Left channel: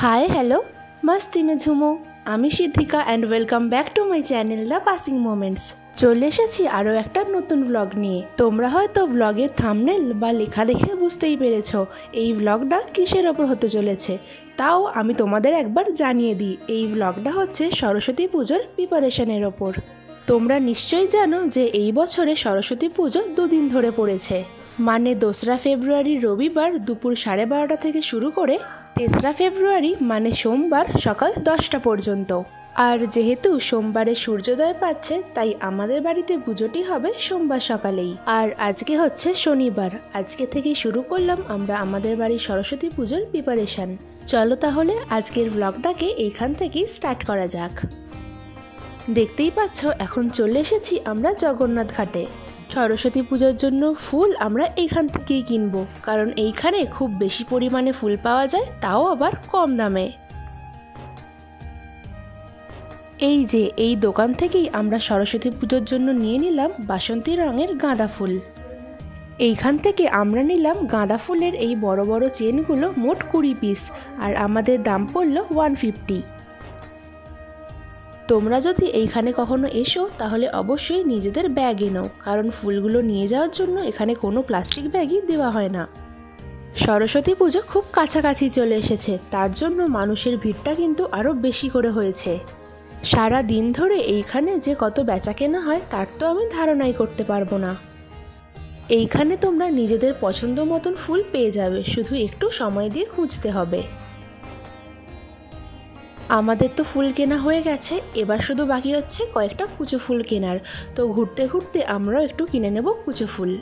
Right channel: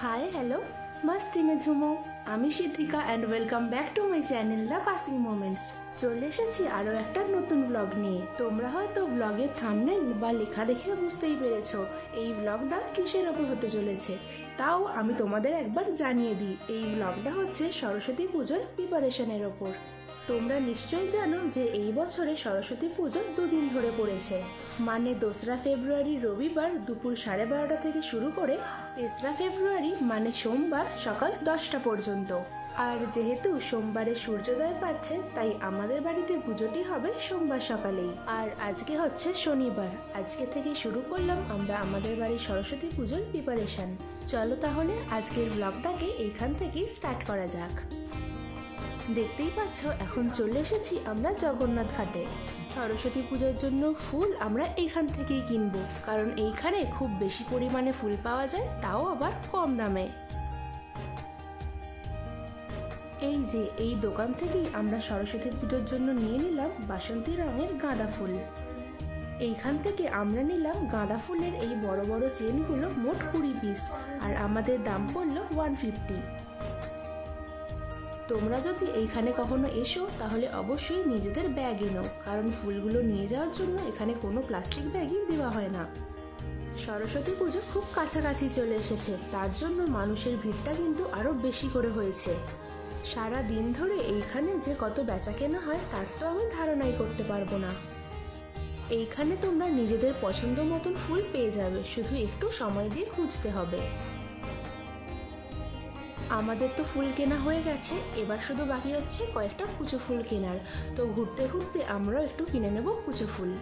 Hi hello मस्ती में झुमो আমি Siddhika and welcome back to my channel the passing moments. চলে এসেছি আরও একটা নতুন ব্লগ নিয়ে। তোমরা হয়তো ব্লগের থাম্বনেল বা লেখা দেখে বুঝতেই পেরেছো এই ব্লগটা কিসের ওপর হতে চলেছে। তাও আমি তোমাদের একবার জানিয়ে দিই, এই ব্লগটা হচ্ছে সরস্বতী পুজোর প্রিপারেশনের ওপর। তোমরা নিশ্চয়ই জানো যে এই বছরে সরস্বতী পুজো দুদিন ধরে পড়েছে, মানে 2রা ফেব্রুয়ারি রবিবার দুপুর 12:30 থেকে শুরু করে 3রা ফেব্রুয়ারি মানে সোমবার সকাল 10টা পর্যন্ত। আর যেহেতু সোমবারে সূর্যোদয় পাচ্ছে তাই আমাদের বাড়িতে পুজোটি হবে সোমবার সকালেই। আর আজকে হচ্ছে শনিবার, আজকে থেকেই শুরু করলাম আমরা আমাদের বাড়ির সরস্বতী পুজোর প্রিপারেশন। চলো তাহলে আজকের ব্লগটাকে এইখান থেকেই স্টার্ট করা যাক। দেখতেই পাচ্ছ এখন চলে এসেছি আমরা জগন্নাথ ঘাটে। সরস্বতী পুজোর জন্য ফুল আমরা এইখান থেকেই কিনবো, কারণ এইখানে খুব বেশি পরিমাণে ফুল পাওয়া যায়, তাও আবার কম দামে। এই যে এই দোকান থেকেই আমরা সরস্বতী পুজোর জন্য নিয়ে নিলাম বাসন্তী রঙের গাঁদা ফুল। এইখান থেকে আমরা নিলাম গাঁদা ফুলের এই বড় বড় চেনগুলো মোট 20 পিস, আর আমাদের দাম পড়লো 150। তোমরা যদি এইখানে কখনো এসো তাহলে অবশ্যই নিজেদের ব্যাগ এনো, কারণ ফুলগুলো নিয়ে যাওয়ার জন্য এখানে কোনো প্লাস্টিক ব্যাগই দেওয়া হয় না। সরস্বতী পুজো খুব কাছাকাছি চলে এসেছে, তার জন্য মানুষের ভিড়টা কিন্তু আরও বেশি করে হয়েছে। সারা দিন ধরে এইখানে যে কত বেচা কেনা হয় তার তো আমি ধারণাই করতে পারবো না। এইখানে তোমরা নিজেদের পছন্দ মতন ফুল পেয়ে যাবে, শুধু একটু সময় দিয়ে খুঁজতে হবে। আমাদের তো ফুল কেনা হয়ে গেছে, এবার শুধু বাকি হচ্ছে কয়েকটা কুচো ফুল কেনার। তো ঘুরতে ঘুরতে আমরাও একটু কিনে নেব কুচো ফুল।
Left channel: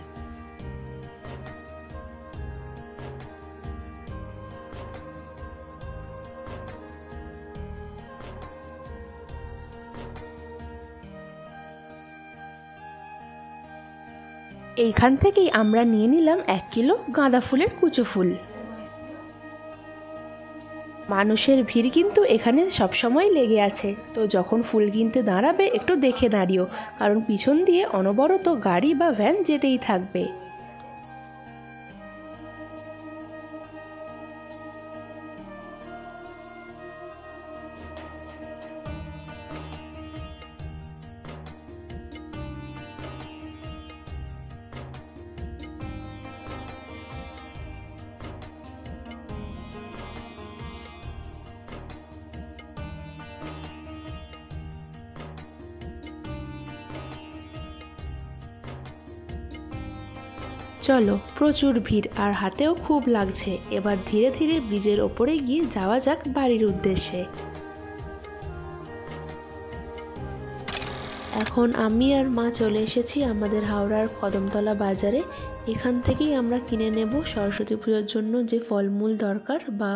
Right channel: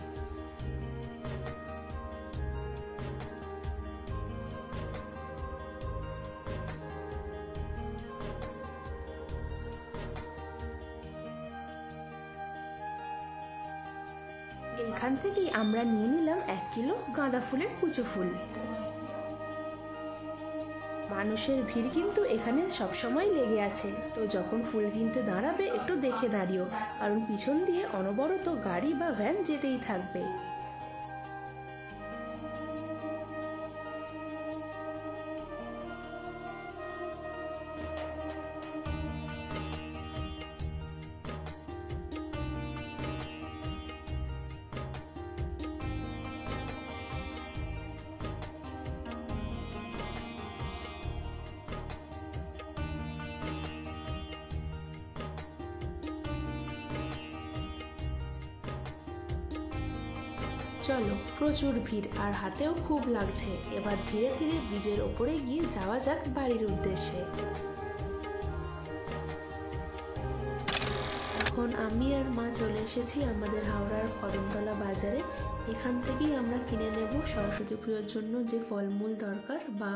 এইখান থেকেই আমরা নিয়ে নিলাম 1 কিলো গাঁদা ফুলের কুচো ফুল। মানুষের ভিড় কিন্তু এখানে সবসময় লেগে আছে, তো যখন ফুল কিনতে দাঁড়াবে একটু দেখে দাঁড়িও, কারণ পিছন দিয়ে অনবরত গাড়ি বা ভ্যান যেতেই থাকবে। চলো, প্রচুর ভিড় আর হাতেও খুব লাগছে। এবার ধীরে ধীরে ব্রিজের ওপরে গিয়ে যাওয়া যাক বাড়ির উদ্দেশ্যে। এখন আমি আর মা চলে এসেছি আমাদের হাওড়ার কদমতলা বাজারে। এখান থেকেই আমরা কিনে নেব সরস্বতী পুজোর জন্য যে ফলমূল দরকার বা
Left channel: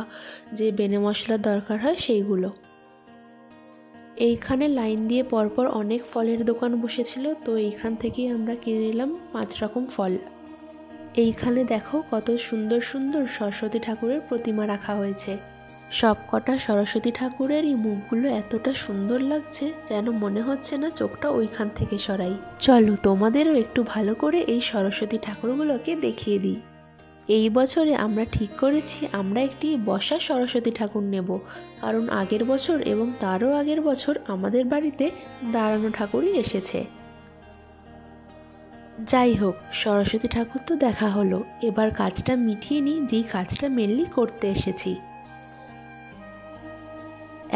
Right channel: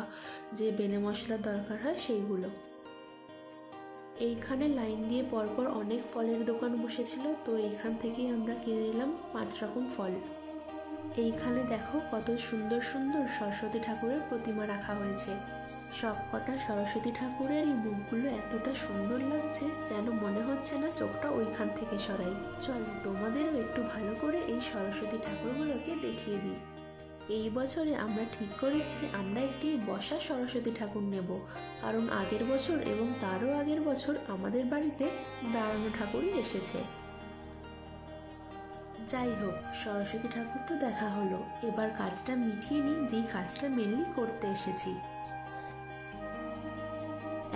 যে বেনে মশলা দরকার হয় সেইগুলো। এইখানে লাইন দিয়ে পরপর অনেক ফলের দোকান বসেছিল, তো এইখান থেকেই আমরা কিনে নিলাম 5 রকম ফল। এইখানে দেখো কত সুন্দর সুন্দর সরস্বতী ঠাকুরের প্রতিমা রাখা হয়েছে। সব কটা সরস্বতী ঠাকুরেরই মুখগুলো এতটা সুন্দর লাগছে যেন মনে হচ্ছে না চোখটা ওইখান থেকে সরাই। চলো তোমাদেরও একটু ভালো করে এই সরস্বতী ঠাকুরগুলোকে দেখিয়ে দিই। এই বছরে আমরা ঠিক করেছি আমরা একটি বসা সরস্বতী ঠাকুর নেব, কারণ আগের বছর এবং তারও আগের বছর আমাদের বাড়িতে দাঁড়ানো ঠাকুরই এসেছে। যাই হোক, সরস্বতী ঠাকুর তো দেখা হলো, এবার কাজটা মিটিয়ে নিই, যেই কাজটা মেনলি করতে এসেছি।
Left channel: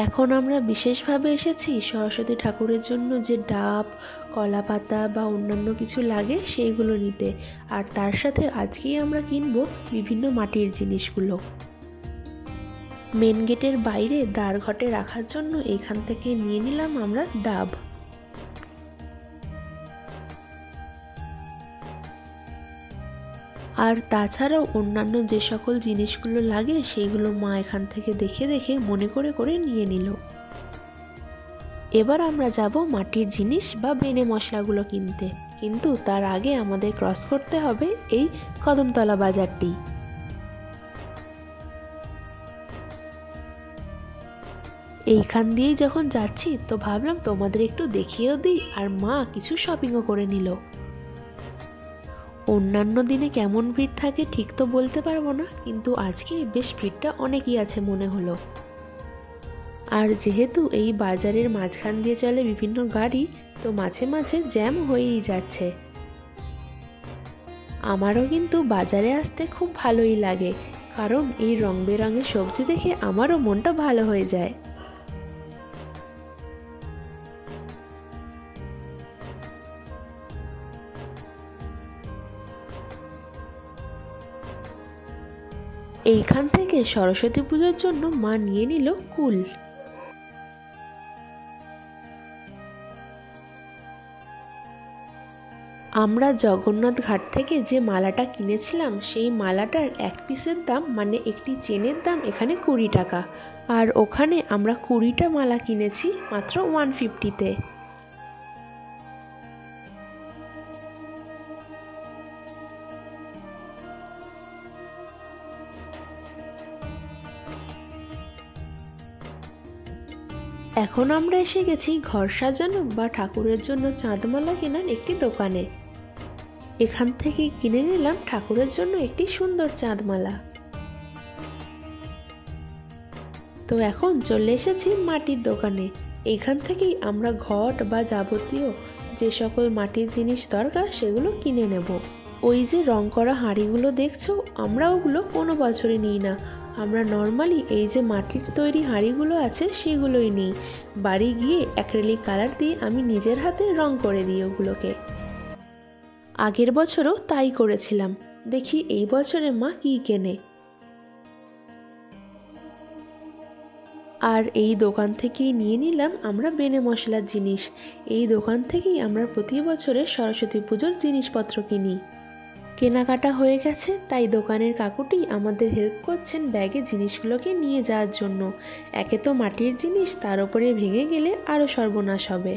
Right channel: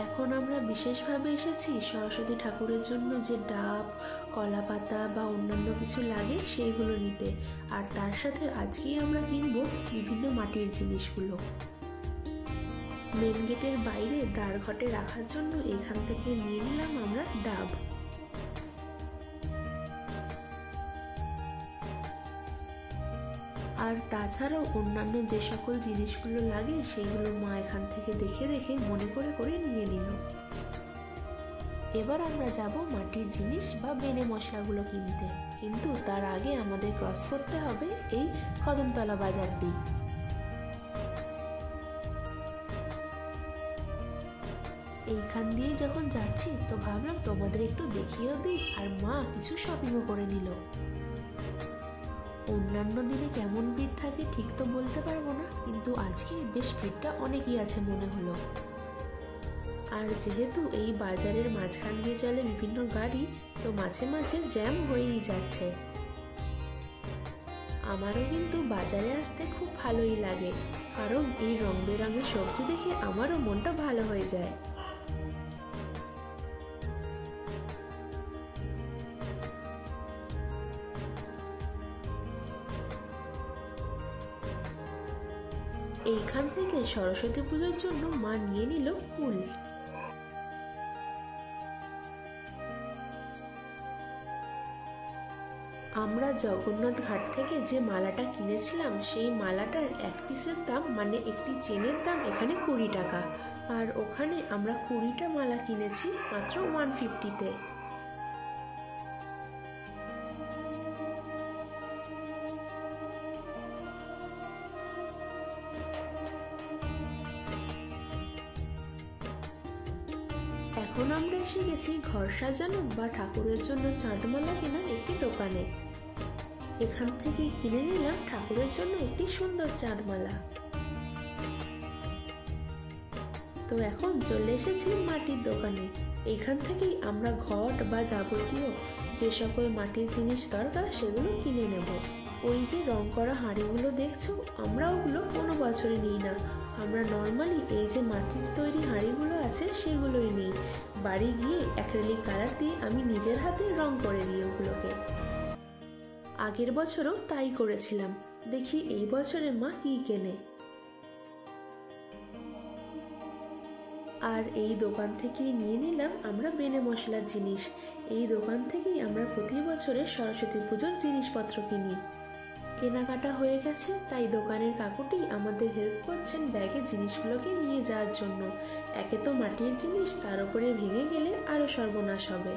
এখন আমরা বিশেষভাবে এসেছি সরস্বতী ঠাকুরের জন্য যে ডাব, কলা পাতা বা অন্যান্য কিছু লাগে সেইগুলো নিতে, আর তার সাথে আজকেই আমরা কিনবো বিভিন্ন মাটির জিনিসগুলো। মেন গেটের বাইরে দ্বারঘটে রাখার জন্য এখান থেকে নিয়ে নিলাম আমরা ডাব। আর তাছাড়াও অন্যান্য যে সকল জিনিসগুলো লাগে সেইগুলো মা এখান থেকে দেখে দেখে মনে করে করে নিয়ে নিল। এবার আমরা যাব মাটির জিনিস বা বেনে মশলাগুলো কিনতে, কিন্তু তার আগে আমাদের ক্রস করতে হবে এই কদমতলা বাজারটি। এইখান দিয়েই যখন যাচ্ছি তো ভাবলাম তোমাদের একটু দেখিয়েও দিই, আর মা কিছু শপিংও করে নিল। অন্যান্য দিনে কেমন ভিড় থাকে ঠিক তো বলতে পারবো না, কিন্তু আজকে বেশ ভিড়টা অনেকই আছে মনে হলো। আর যেহেতু এই বাজারের মাঝখান দিয়ে চলে বিভিন্ন গাড়ি, তো মাঝে মাঝে জ্যাম হয়েই যাচ্ছে। আমারও কিন্তু বাজারে আসতে খুব ভালোই লাগে, কারণ এই রং বেরঙের সবজি দেখে আমারও মনটা ভালো হয়ে যায়। এইখান থেকে সরস্বতী পুজোর জন্য মা নিয়ে নিল কুল। আমরা জগন্নাথ ঘাট থেকে যে মালাটা কিনেছিলাম সেই মালাটার এক পিসের দাম মানে একটি চেনের দাম এখানে 20 টাকা, আর ওখানে আমরা 20টা মালা কিনেছি মাত্র 150-তে। এখন আমরা এসে গেছি ঘর সাজানো বা ঠাকুরের জন্য চাঁদমালা কেনার একটি দোকানে। এখান থেকে কিনে নিলাম ঠাকুরের জন্য একটি সুন্দর চাঁদমালা। তো এখন চলে এসেছি মাটির দোকানে। এখান থেকেই আমরা ঘট বা যাবতীয় যে সকল মাটির জিনিস দরকার সেগুলো কিনে নেব। ওই যে রং করা হাঁড়িগুলো দেখছো, আমরা ওগুলো কোনো বছরে নিই না। আমরা নর্মালি এই যে মাটির তৈরি হাঁড়িগুলো আছে সেগুলোই নিই। বাড়ি গিয়ে অ্যাক্রিলিক কালার দিয়ে আমি নিজের হাতে রং করে দিই ওগুলোকে। আগের বছরও তাই করেছিলাম। দেখি এই বছরে মা কি কেনে। আর এই দোকান থেকেই নিয়ে নিলাম আমরা বেনে মশলার জিনিস। এই দোকান থেকেই আমরা প্রতি বছরে সরস্বতী পুজোর জিনিসপত্র কিনি। কেনাকাটা হয়ে গেছে, তাই দোকানের কাকুটি আমাদের হেল্প করছেন ব্যাগে জিনিসগুলোকে নিয়ে যাওয়ার জন্য। একে তো মাটির জিনিস, তার উপরে ভেঙে গেলে আরও সর্বনাশ হবে।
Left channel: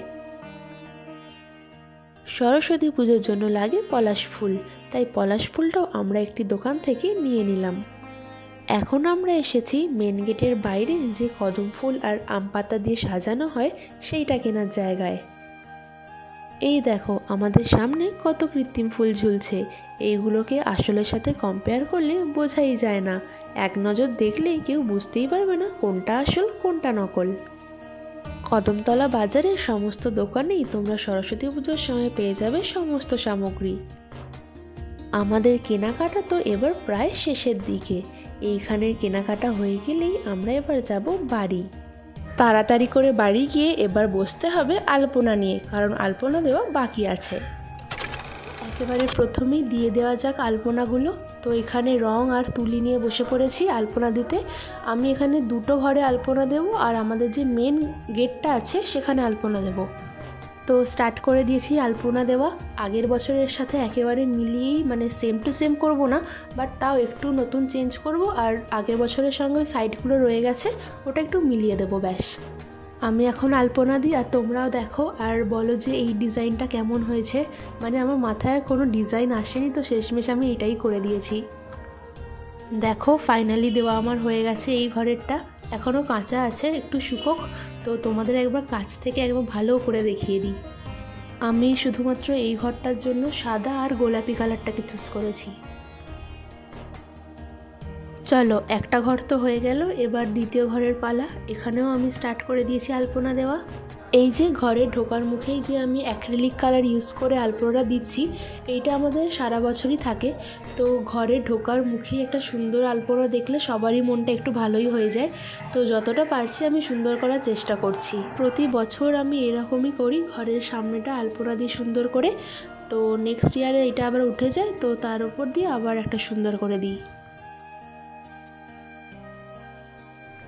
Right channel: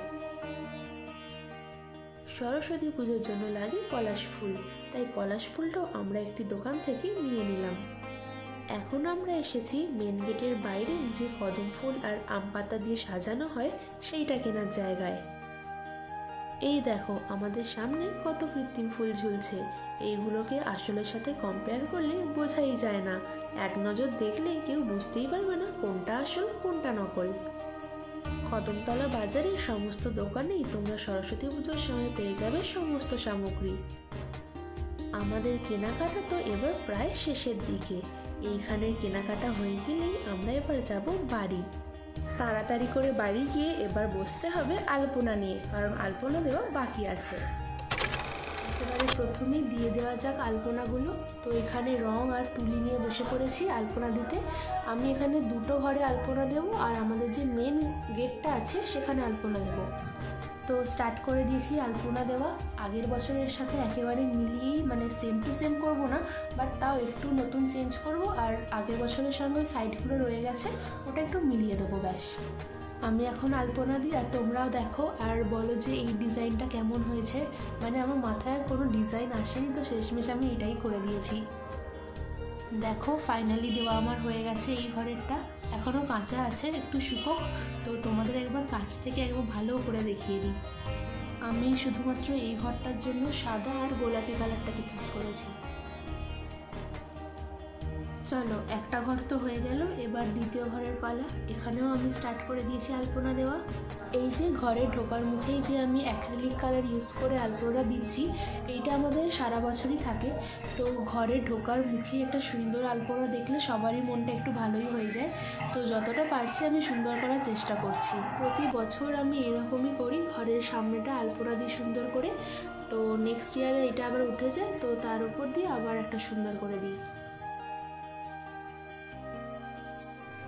সরস্বতী পুজোর জন্য লাগে পলাশ ফুল, তাই পলাশ ফুলটাও আমরা একটি দোকান থেকে নিয়ে নিলাম। এখন আমরা এসেছি মেন গেটের বাইরে যে কদম ফুল আর আম পাতা দিয়ে সাজানো হয় সেইটা কেনার জায়গায়। এই দেখো আমাদের সামনে কত কৃত্রিম ফুল ঝুলছে। এইগুলোকে আসলের সাথে কম্পেয়ার করলে বোঝাই যায় না। এক নজর দেখলে কেউ বুঝতেই পারবে না কোনটা আসল কোনটা নকল। কদমতলা বাজারের সমস্ত দোকানেই তোমরা সরস্বতী পুজোর সময় পেয়ে যাবে সমস্ত সামগ্রী। আমাদের কেনাকাটা তো এবার প্রায় শেষের দিকে। এইখানের কেনাকাটা হয়ে গেলেই আমরা এবার যাব বাড়ি। তাড়াতাড়ি করে বাড়ি গিয়ে এবার বসতে হবে আলপনা নিয়ে, কারণ আলপনা দেওয়া বাকি আছে। একেবারে প্রথমেই দিয়ে দেওয়া যাক আলপনাগুলো। তো এখানে রং আর তুলি নিয়ে বসে পড়েছি আলপনা দিতে। আমি এখানে দুটো ঘরে আলপনা দেবো, আর আমাদের যে মেন গেটটা আছে সেখানে আলপনা দেবো। তো স্টার্ট করে দিয়েছি আলপনা দেওয়া। আগের বছরের সাথে একেবারে মিলিয়েই, মানে সেম টু সেম করব না, বাট তাও একটু নতুন চেঞ্জ করব। আর আগের বছরের সঙ্গে ওই সাইডগুলো রয়ে গেছে, ওটা একটু মিলিয়ে দেবো ব্যাস। আমি এখন আলপনা দিই, আর তোমরাও দেখো আর বলো যে এই ডিজাইনটা কেমন হয়েছে। মানে আমার মাথায় আর কোনো ডিজাইন আসেনি, তো শেষমেশ আমি এটাই করে দিয়েছি। দেখো ফাইনালি দেওয়া আমার হয়ে গেছে। এই ঘরেরটা এখনও কাঁচা আছে, একটু শুকোক। তো তোমাদের একবার কাছ থেকে একবার ভালো করে দেখিয়ে দিই। আমি শুধুমাত্র এই ঘরটার জন্য সাদা আর গোলাপি কালারটাকে চুজ করেছি। চলো একটা ঘর তো হয়ে গেল, এবার দ্বিতীয় ঘরের পালা। এখানেও আমি স্টার্ট করে দিয়েছি আলপনা দেওয়া। এই যে ঘরে ঢোকার মুখেই যে আমি অ্যাক্রিলিক কালার ইউজ করে আলপনাটা দিচ্ছি, এইটা আমাদের সারা বছরই থাকে। তো ঘরে ঢোকার মুখেই একটা সুন্দর আলপনা দেখলে সবারই মনটা একটু ভালোই হয়ে যায়। তো যতটা পারছি আমি সুন্দর করার চেষ্টা করছি। প্রতি বছর আমি এরকমই করি, ঘরের সামনেটা আলপনা দিয়ে সুন্দর করে। তো নেক্সট ইয়ারে এটা আবার উঠে যায়, তো তার উপর দিয়ে আবার একটা সুন্দর করে দিই।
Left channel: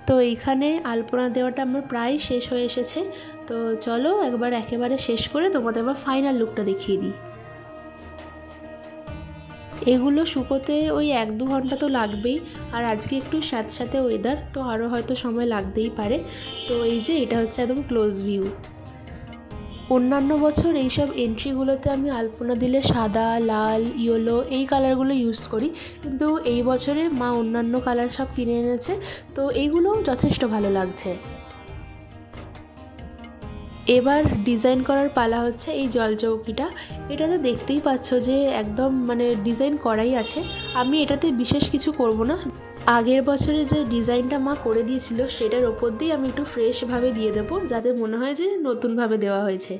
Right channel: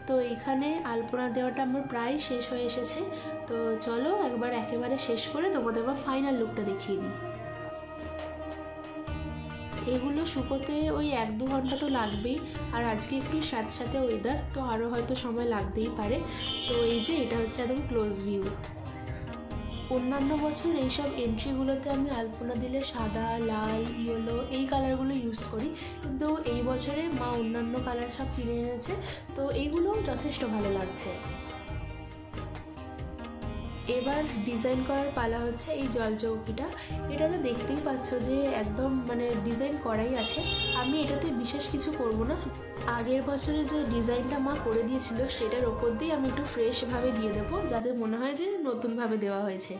তো এইখানে আলপনা দেওয়াটা আমার প্রায় শেষ হয়ে এসেছে। তো চলো একবার একেবারে শেষ করে তোমাদের আবার ফাইনাল লুকটা দেখিয়ে দিই। এগুলো শুকোতে ওই 1-2 ঘন্টা তো লাগবেই, আর আজকে একটু স্যাঁতস্যাঁতে ওয়েদার, তো আরও হয়তো সময় লাগতেই পারে। তো এই যে এটা হচ্ছে একদম ক্লোজ ভিউ। অন্যান্য বছর এইসব এন্ট্রিগুলোতে আমি আলপনা দিলে সাদা, লাল, ইয়েলো এই কালারগুলো ইউজ করি, কিন্তু এই বছরে মা অন্যান্য কালার সব কিনে এনেছে, তো এইগুলোও যথেষ্ট ভালো লাগছে। এবার ডিজাইন করার পালা হচ্ছে এই জলচৌকিটা। এটাতে দেখতেই পাচ্ছ যে একদম মানে ডিজাইন করাই আছে। আমি এটাতে বিশেষ কিছু করব না, আগের বছরে যে ডিজাইনটা মা করে দিয়েছিল সেটার ওপর দিয়ে আমি একটু ফ্রেশভাবে দিয়ে দেবো, যাতে মনে হয় যে নতুনভাবে দেওয়া হয়েছে।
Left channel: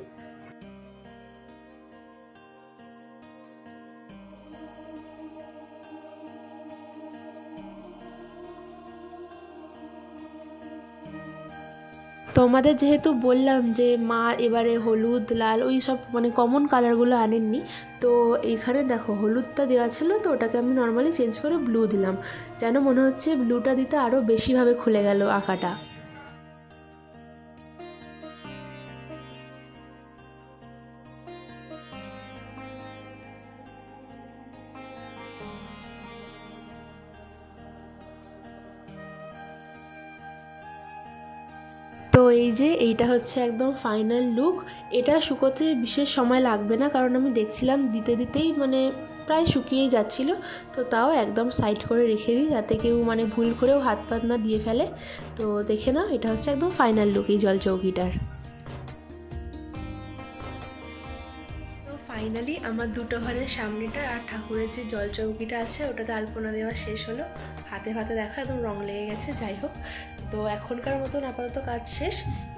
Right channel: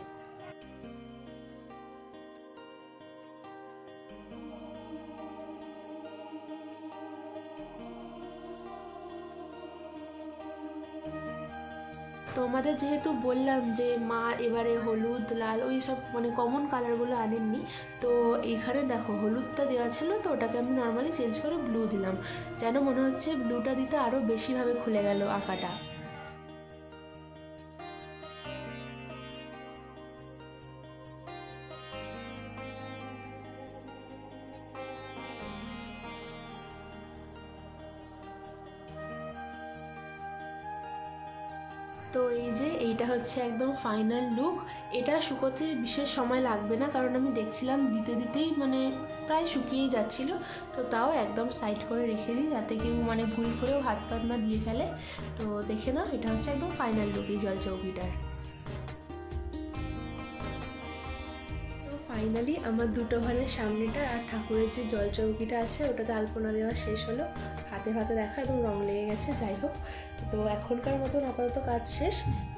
তোমাদের যেহেতু বললাম যে মা এবারে হলুদ লাল ওই সব মানে কমন কালারগুলো আনেননি, তো এইখানে দেখো হলুদটা দেওয়া ছিল, তো ওটাকে আমি নর্মালি চেঞ্জ করে ব্লু দিলাম, যেন মনে হচ্ছে ব্লুটা দিতে আরও বেশিভাবে খুলে গেল আঁকাটা। তো এই যে এইটা হচ্ছে একদম ফাইনাল লুক। এটা শুকোতে বিশেষ সময় লাগবে না, কারণ আমি দেখছিলাম দিতে দিতেই মানে প্রায় শুকিয়েই যাচ্ছিলো। তো তাও একদম সাইড করে রেখে দিই, যাতে কেউ মানে ভুল করেও হাত পাত না দিয়ে ফেলে। তো দেখে নাও, এটা হচ্ছে একদম ফাইনাল লুক এই জলচৌকিটার। তো ফাইনালি আমার দুটো ঘরের সামনেটা আর ঠাকুরের যে জলচৌকিটা আছে ওটাতে আলপনা দেওয়া শেষ হলো। হাতে হাতে দেখা একদম রং লেগে গেছে, যাই হোক। তো এখনকার মতন আপাতত কাজ শেষ।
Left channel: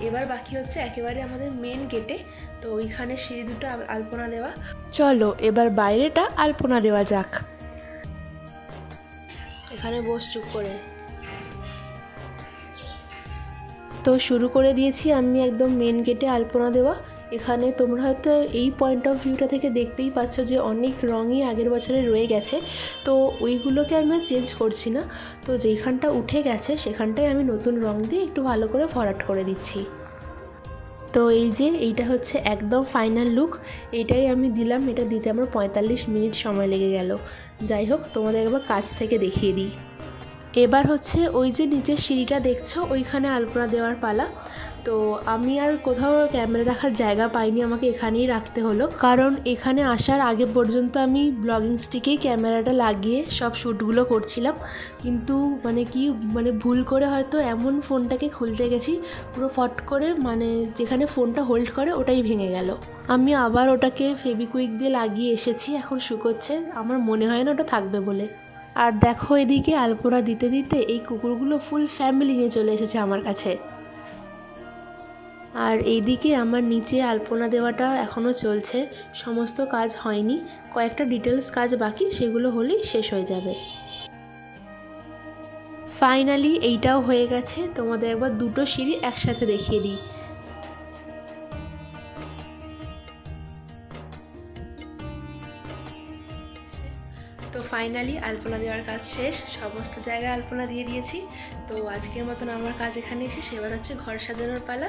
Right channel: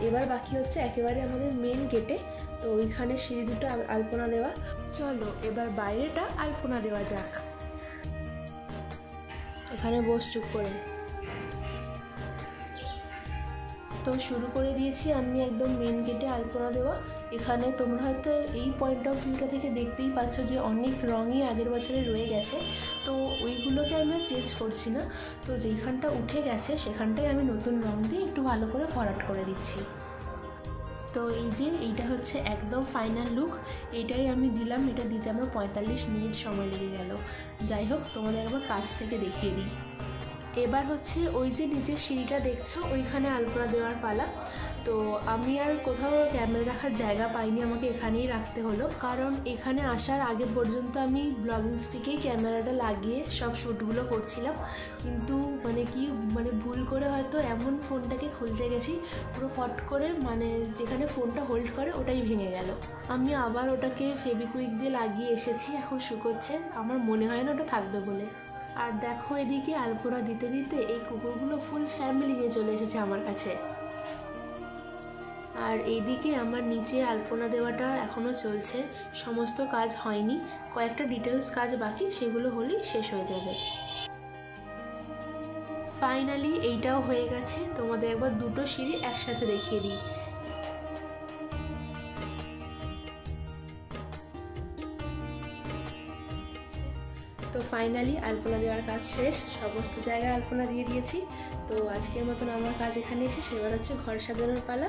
এবার বাকি হচ্ছে একেবারে আমাদের মেন গেটে, তো ওইখানে সিঁড়ি দুটো আলপনা দেওয়া। চলো এবার বাইরেটা আলপনা দেওয়া যাক। এখানে বস চুপ করে। তো শুরু করে দিয়েছি আমি একদম মেন গেটে আলপনা দেওয়া। এখানে তোমরা হয়তো এই পয়েন্ট অফ ভিউটা থেকে দেখতেই পাচ্ছ যে অনেক রঙই আগের বছরে রয়ে গেছে, তো ওইগুলোকে আমি আর চেঞ্জ করছি না। তো যেখানটা উঠে গেছে সেখানটায় আমি নতুন রং দিয়ে একটু ভালো করে ভরাট করে দিচ্ছি। তো এই যে এইটা হচ্ছে একদম ফাইনাল লুক, এটাই আমি দিলাম। এটা দিতে আমার 45 মিনিট সময় লেগে গেল। যাই হোক, তোমাদের একবার কাছ থেকে দেখিয়ে দিই। এবার হচ্ছে ওই যে নিচের সিঁড়িটা দেখছো, ওইখানে আলপনা দেওয়ার পালা। তো আমি আর কোথাও ক্যামেরা রাখার জায়গা পাইনি, আমাকে এখানেই রাখতে হলো, কারণ এখানে আসার আগে পর্যন্ত আমি ব্লগিং স্টিকেই ক্যামেরাটা লাগিয়ে সব শ্যুটগুলো করছিলাম। কিন্তু মানে ভুল করে হয়তো এমন ফোনটাকে খুলতে গেছি, পুরো ফট করে মানে যেখানে ফোনটা হোল্ড করে ওটাই ভেঙে গেল। আমি আবার ওটাকে ফেভিকুইক দিয়ে লাগিয়ে এসেছি, এখন শুকোচ্ছে। আমার মনে হয় না ওটা থাকবে বলে। আর দেখো এদিকে আলপনা দিতে দিতে এই কুকুরগুলো ফুল ফ্যামিলি নিয়ে চলে এসেছে আমার কাছে। আর এইদিকে আমার নিচে আলপনা দেওয়াটা এখনও চলছে, সমস্ত কাজ হয়নি, কয়েকটা ডিটেলস কাজ বাকি, সেগুলো হলেই শেষ হয়ে যাবে। ফাইনালি এইটাও হয়ে গেছে। তোমাদের একবার দুটো সিঁড়ি একসাথে দেখিয়ে দিই। তো ফাইনালি আলপনা দেওয়ার কাজ শেষ, সমস্ত জায়গায় আলপনা দিয়ে দিয়েছি। তো আজকের মতন আমার কাজ এখানে শেষ। এবার হচ্ছে ঘর সাজানোর পালা।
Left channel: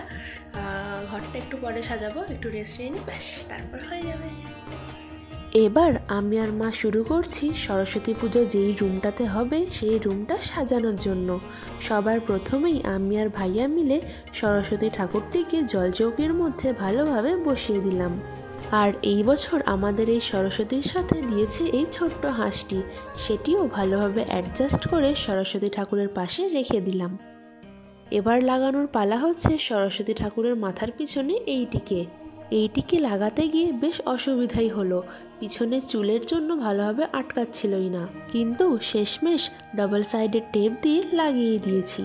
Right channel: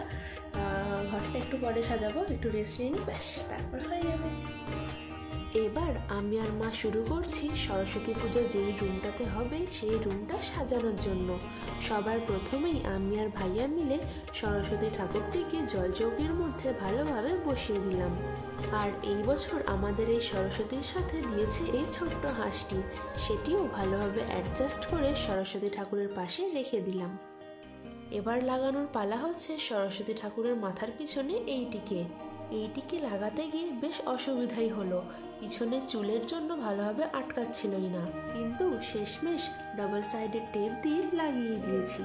ঘরটা একটু পরে সাজাবো, একটু রেস্ট নিয়ে নিই, ব্যাস তারপর হয়ে যাবে। এবার আমি আর মা শুরু করছি সরস্বতী পুজো যেই রুমটাতে হবে সেই রুমটা সাজানোর জন্য। সবার প্রথমেই আমি আর ভাইয়া মিলে সরস্বতী ঠাকুরটিকে জলচৌকির মধ্যে ভালোভাবে বসিয়ে দিলাম। আর এই বছর আমাদের এই সরস্বতীর সাথে দিয়েছে এই ছোট্ট হাঁসটি, সেটিও ভালোভাবে অ্যাডজাস্ট করে সরস্বতী ঠাকুরের পাশে রেখে দিলাম। এবার লাগানোর পালা হচ্ছে সরস্বতী ঠাকুরের মাথার পিছনে এইটিকে লাগাতে গিয়ে বেশ অসুবিধাই হলো, পিছনের চুলের জন্য ভালোভাবে আটকাচ্ছিলই না, কিন্তু শেষমেশ ডাবল সাইডের টেপ দিয়ে লাগিয়ে দিয়েছি।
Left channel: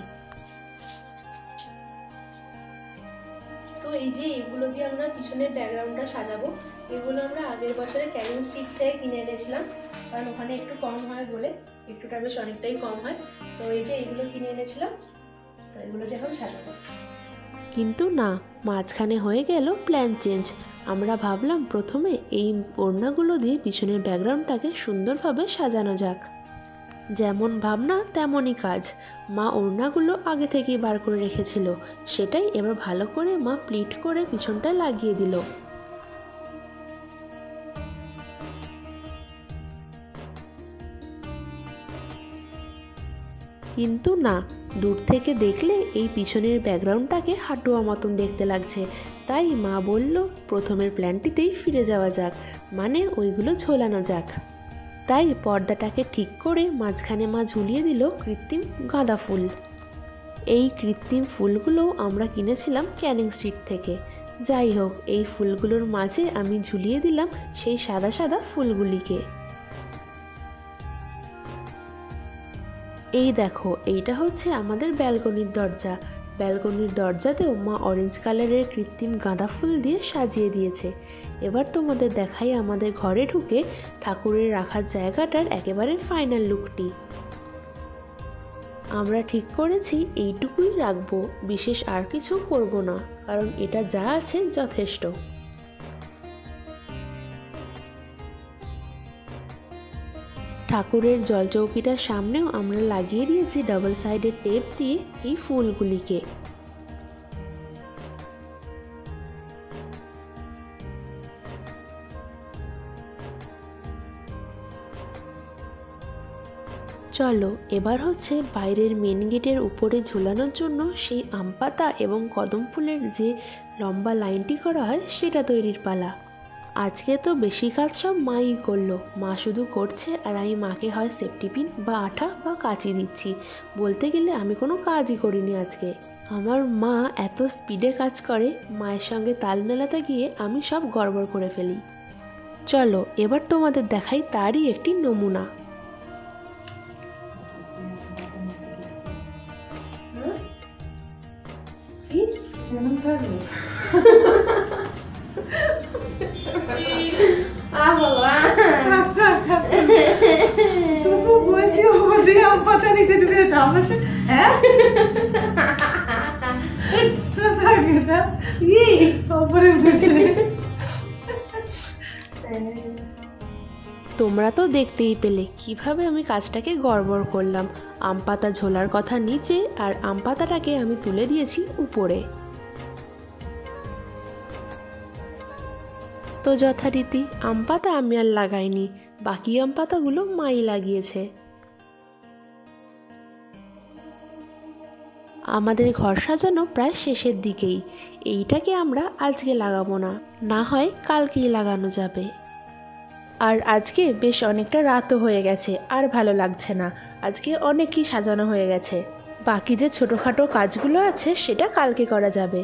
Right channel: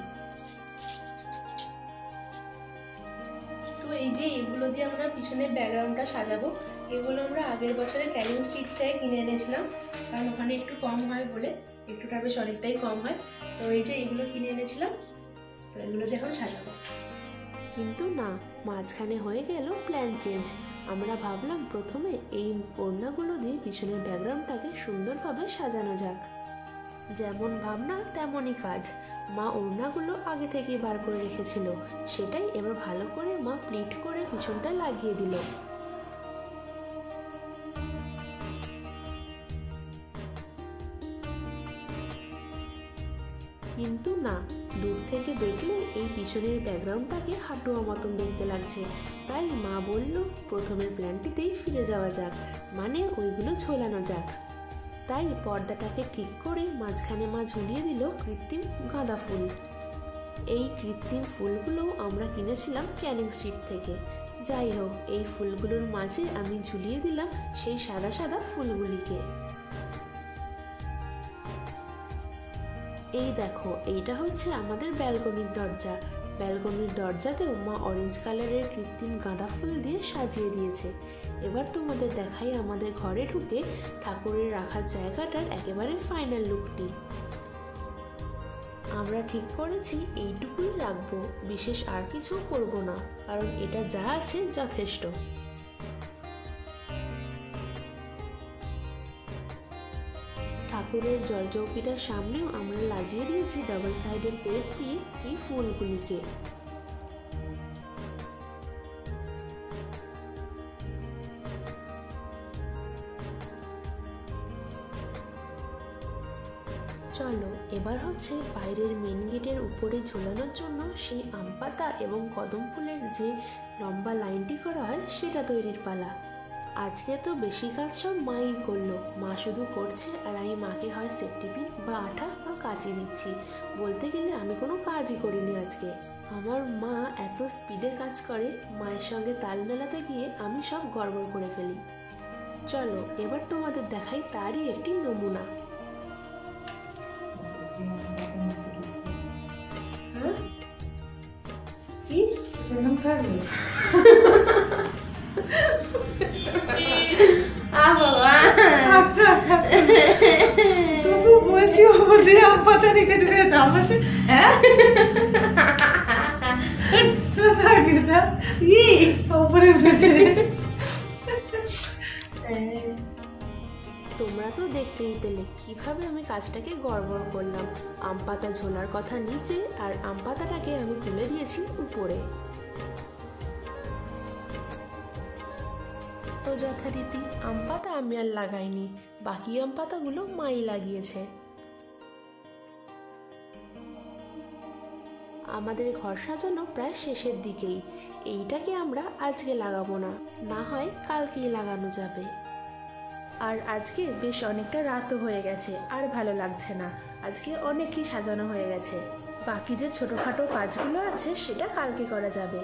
তো এই যে এগুলো দিয়ে আমরা পিছনের ব্যাকগ্রাউন্ডটা সাজাবো। এগুলো আমরা আগের বছরে ক্যানিং স্ট্রিট থেকে কিনে এনেছিলাম, কারণ ওখানে একটু কম হয় বলে, একটুটা বেশ অনেকটাই কম হয়। তো এই যে এগুলো কিনে এনেছিলাম, তো এগুলো দিয়ে এখন সাজাবো। কিন্তু না, মাঝখানে হয়ে গেল প্ল্যান চেঞ্জ। আমরা ভাবলাম প্রথমে এই ওড়নাগুলো দিয়ে পিছনের ব্যাকগ্রাউন্ডটাকে সুন্দরভাবে সাজানো যাক। যেমন ভাবনা তেমনই কাজ। মা ওড়নাগুলো আগে থেকেই বার করে রেখেছিল, সেটাই এবার ভালো করে মা প্লিট করে পিছনটা লাগিয়ে দিল। কিন্তু না, দূর থেকে দেখলে এই পিছনের ব্যাকগ্রাউন্ডটাকে হাঁটুয়া মতন দেখতে লাগছে, তাই মা বলল প্রথমের প্ল্যানটিতেই ফিরে যাওয়া যাক, মানে ওইগুলো ঝোলানো যাক। তাই পর্দাটাকে ঠিক করে মাঝখানে মা ঝুলিয়ে দিল কৃত্রিম গাঁদা ফুল। এই কৃত্রিম ফুলগুলো আমরা কিনেছিলাম ক্যানিং স্ট্রিট থেকে। যাই হোক, এই ফুলগুলোর মাঝে আমি ঝুলিয়ে দিলাম সেই সাদা সাদা ফুলগুলিকে। এই দেখো, এইটা হচ্ছে আমাদের ব্যালকনির দরজা। ব্যালকনির দরজাতেও মা অরেঞ্জ কালারের কৃত্রিম গাঁদা ফুল দিয়ে সাজিয়ে দিয়েছে। এবার তোমাদের দেখাই আমাদের ঘরে ঢুকে ঠাকুরের রাখার জায়গাটার একেবারে ফাইনাল লুকটি। আমরা ঠিক করেছি এইটুকুই রাখবো, বিশেষ আর কিছু করব না, কারণ এটা যা আছে যথেষ্ট। ঠাকুরের জলচৌকিটার সামনেও আমরা লাগিয়ে দিয়েছি ডাবল সাইডের টেপ দিয়ে এই ফুলগুলিকে। চলো এবার হচ্ছে বাইরের মেন গেটের উপরে ঝুলানোর জন্য সেই আম পাতা এবং কদম ফুলের যে লম্বা লাইনটি করা হয় সেটা তৈরির পালা। আজকে তো বেশি কাজ সব মাই করলো। মা শুধু করছে আর আমি মাকে হয় সেফটি পিন বা আঠা বা কাঁচি দিচ্ছি। বলতে গেলে আমি কোনো কাজই করিনি আজকে। আমার মা এত স্পিডে কাজ করে, মায়ের সঙ্গে তাল মেলাতে গিয়ে আমি সব গড়বড় করে ফেলি। চলো এবার তোমাদের দেখাই তারই একটি নমুনা। তবু বলছি আমাদের আম পাতা নিচে ঢুকে যাচ্ছে। হ্যাঁ উপরে উঠেছে। তোমরা তো দেখতেই পেলে কিভাবে আমি কাজটাকে গড়বড় করলাম। আম পাতা ঝোলার কথা নিচে আর আম পাতাটাকে আমি তুলে দিয়েছি উপরে। তো যথারীতি আম পাতা আমি আর লাগাইনি, বাকি আম পাতাগুলো মাই লাগিয়েছে। আমাদের ঘর সাজানো প্রায় শেষের দিকেই। এইটাকে আমরা আজকে লাগাবো না, না হয় কালকেই লাগানো যাবে। আর আজকে বেশ অনেকটা রাতও হয়ে গেছে, আর ভালো লাগছে না। আজকে অনেকই সাজানো হয়ে গেছে। বাকি যে ছোটোখাটো কাজগুলো আছে সেটা কালকে করা যাবে।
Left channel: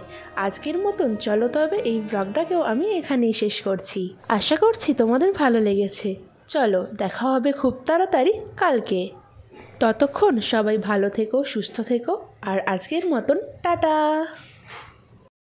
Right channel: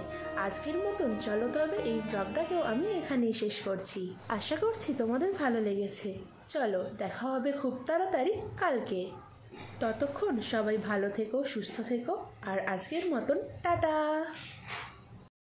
আজকের মতন চলো তবে এই ব্লগটাকেও আমি এখানেই শেষ করছি। আশা করছি তোমাদের ভালো লেগেছে। চলো দেখা হবে খুব তাড়াতাড়ি কালকে। ততক্ষণ সবাই ভালো থেকো, সুস্থ থেকো, আর আজকের মতন টাটা।